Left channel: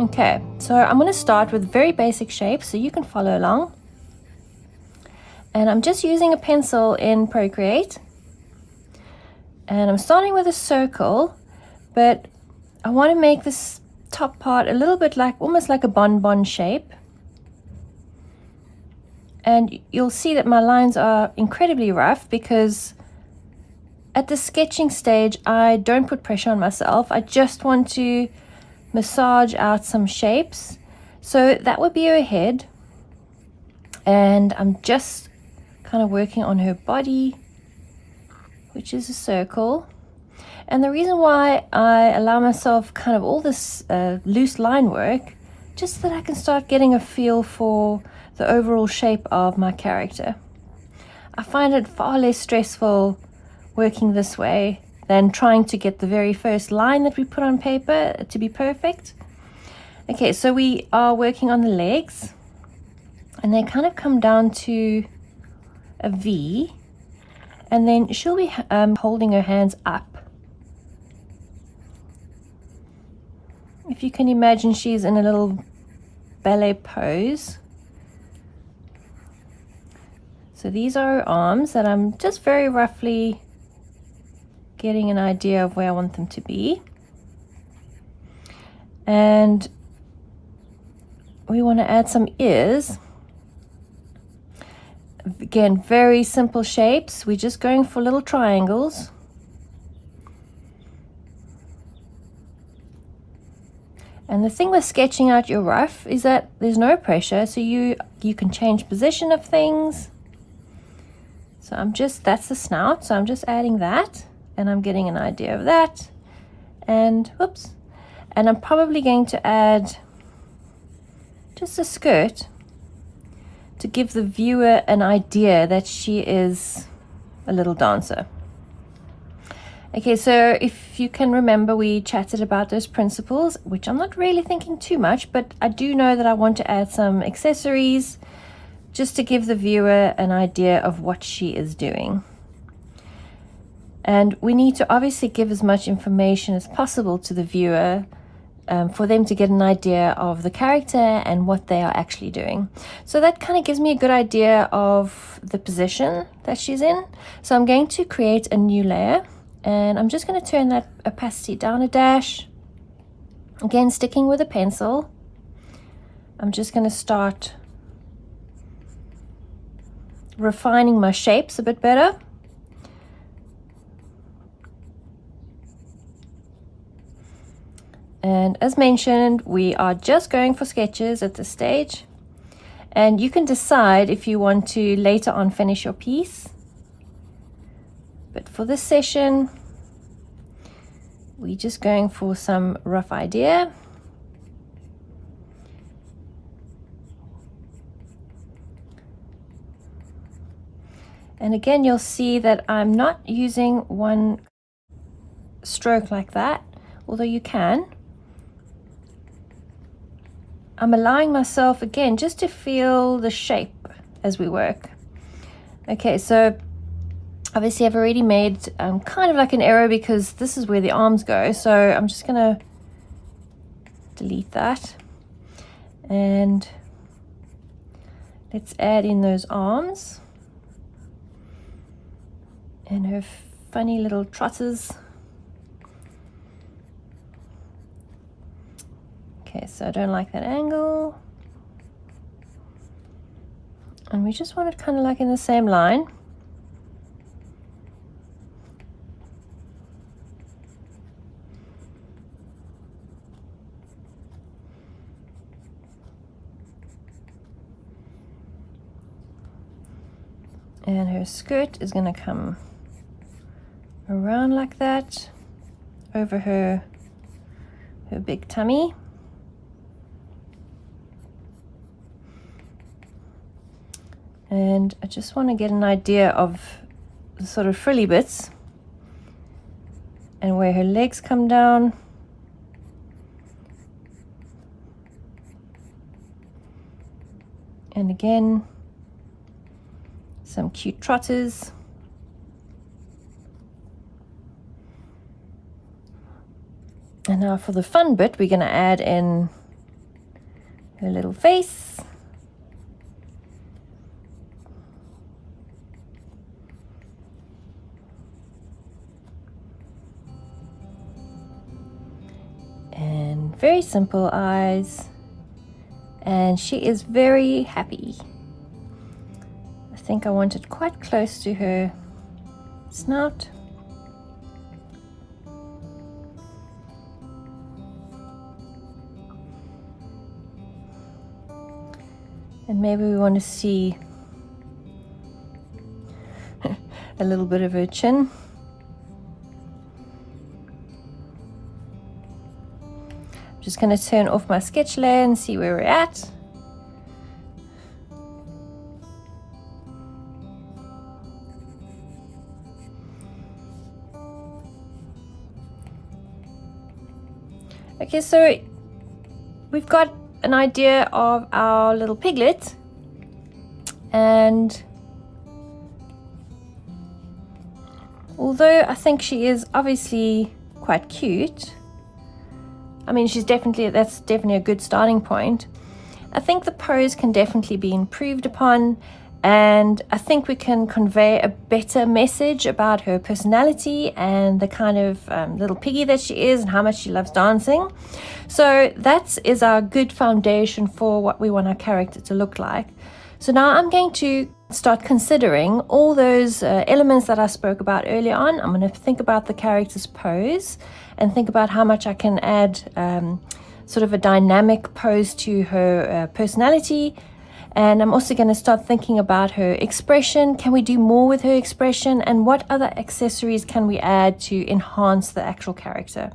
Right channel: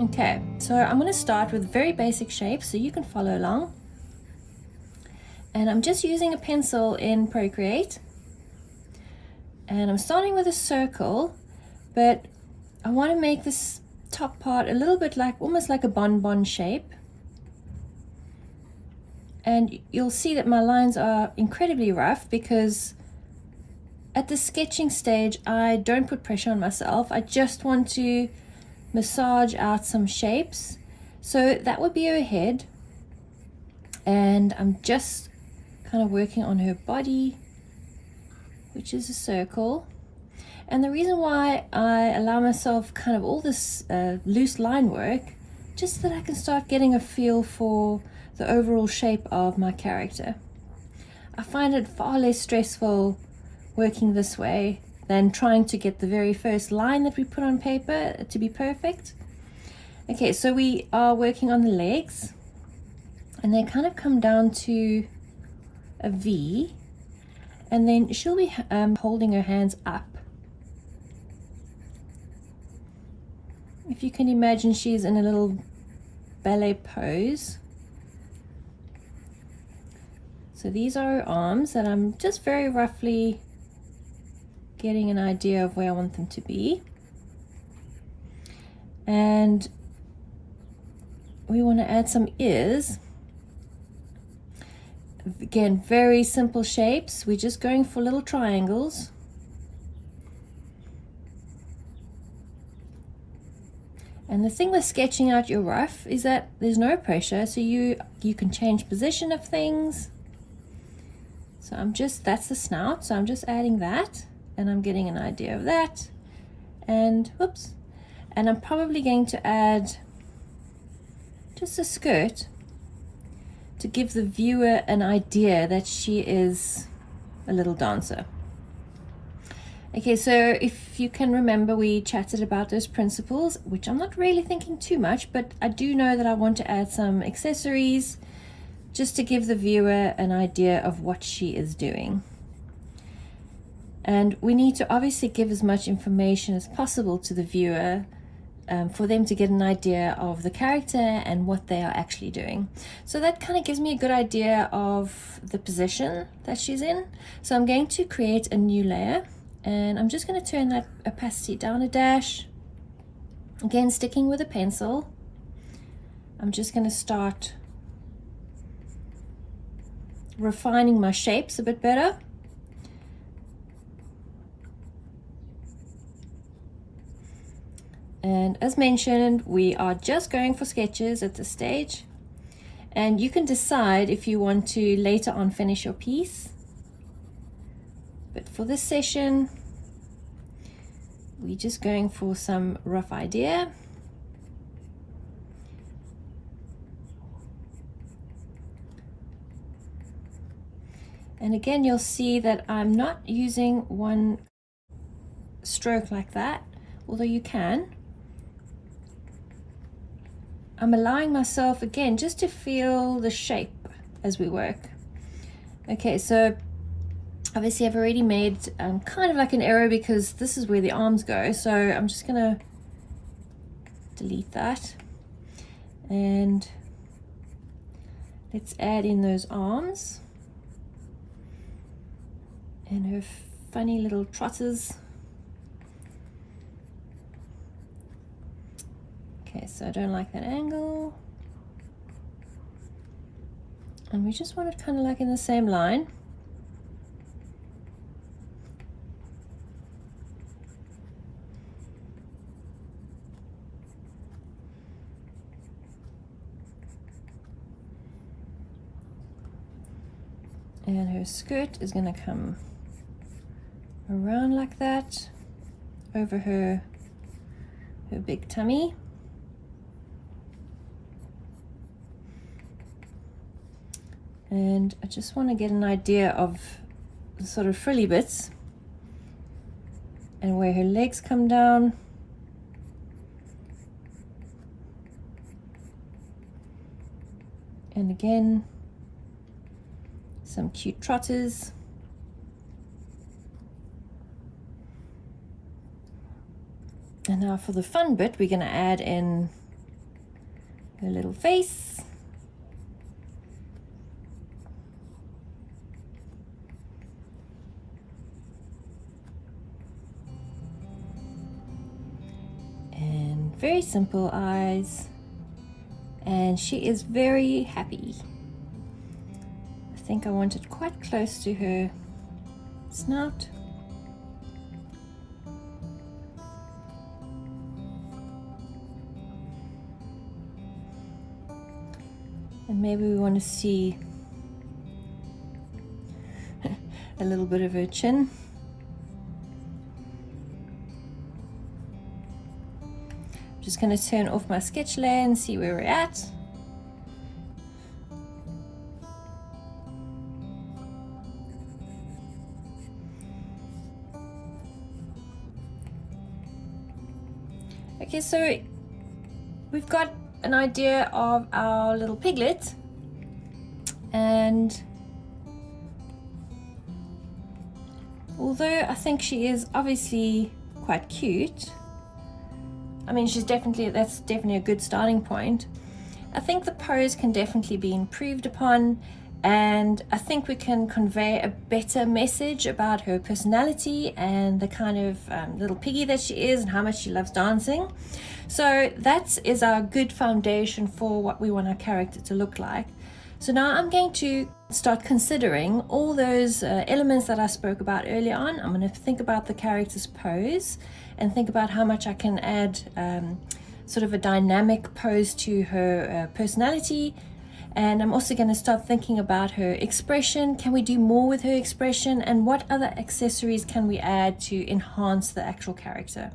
Okay, so I'm going to start with very basic shapes so you can follow along. And I'm just using a pencil in Procreate. And I'm starting with a circle, but I want to make this top part a little bit like, almost like a bonbon shape. And you'll see that my lines are incredibly rough because at the sketching stage, I don't put pressure on myself. I just want to massage out some shapes. So that would be her head. And I'm just kind of working on her body, which is a circle. And the reason why I allow myself kind of all this loose line work, just so that I can start getting a feel for the overall shape of my character. I find it far less stressful working this way than trying to get the very first line that we put on paper to be perfect. Okay, so we are working on the legs, and they kind of come down to a V, and then she'll be holding her hands up. If you can imagine, she's in a little ballet pose. So these are her arms that I'm just very roughly getting an idea of where I want them to be. And we want to add some ears. Again, very simple shapes. We're just going for little triangles. And the thing with sketching out your rough is that there's no pressure, so you can change position of things. So that's the snout, so I'm just adding that, and I'm getting an idea of that. And whoops. And I'm probably going to add just a skirt to give the viewer an idea that she is a little dancer. Okay, so if you can remember, we chatted about those principles, which I'm not really thinking too much, but I do know that I want to add some accessories just to give the viewer an idea of what she is doing. And we need to obviously give as much information as possible to the viewer for them to get an idea of the character and what they are actually doing. So that kind of gives me a good idea of the position that she's in. So I'm going to create a new layer, and I'm just going to turn that opacity down a dash. Again, sticking with a pencil, I'm just going to start refining my shapes a bit better. And as mentioned, we are just going for sketches at this stage. And you can decide if you want to later on finish your piece. But for this session, we're just going for some rough idea. And again, you'll see that I'm not using one stroke like that, although you can. I'm allowing myself, again, just to feel the shape as we work. Okay, so obviously I've already made kind of like an arrow because this is where the arms go. So I'm just gonna delete that. And let's add in those arms and her funny little trotters. Okay, so I don't like that angle. And we just want it kind of like in the same line. And her skirt is going to come around like that over her big tummy. And I just want to get an idea of the sort of frilly bits and where her legs come down. And again, some cute trotters. And now for the fun bit, we're going to add in her little face. And very simple eyes. And she is very happy. I think I want it quite close to her snout. And maybe we want to see a little bit of her chin. I'm just going to turn off my sketch layer and see where we're at. Okay, so we've got an idea of our little piglet, and although I think she is obviously quite cute, I mean that's definitely a good starting point. I think the pose can definitely be improved upon, and I think we can convey a better message about her personality and the kind of little piggy that she is and how much she loves dancing. So that is our good foundation for what we want our character to look like. So now I'm going to start considering all those elements that I spoke about earlier on. I'm going to think about the character's pose and think about how much I can add sort of a dynamic pose to her personality. And I'm also going to start thinking about her expression. Can we do more with her expression? And what other accessories can we add to enhance the actual character?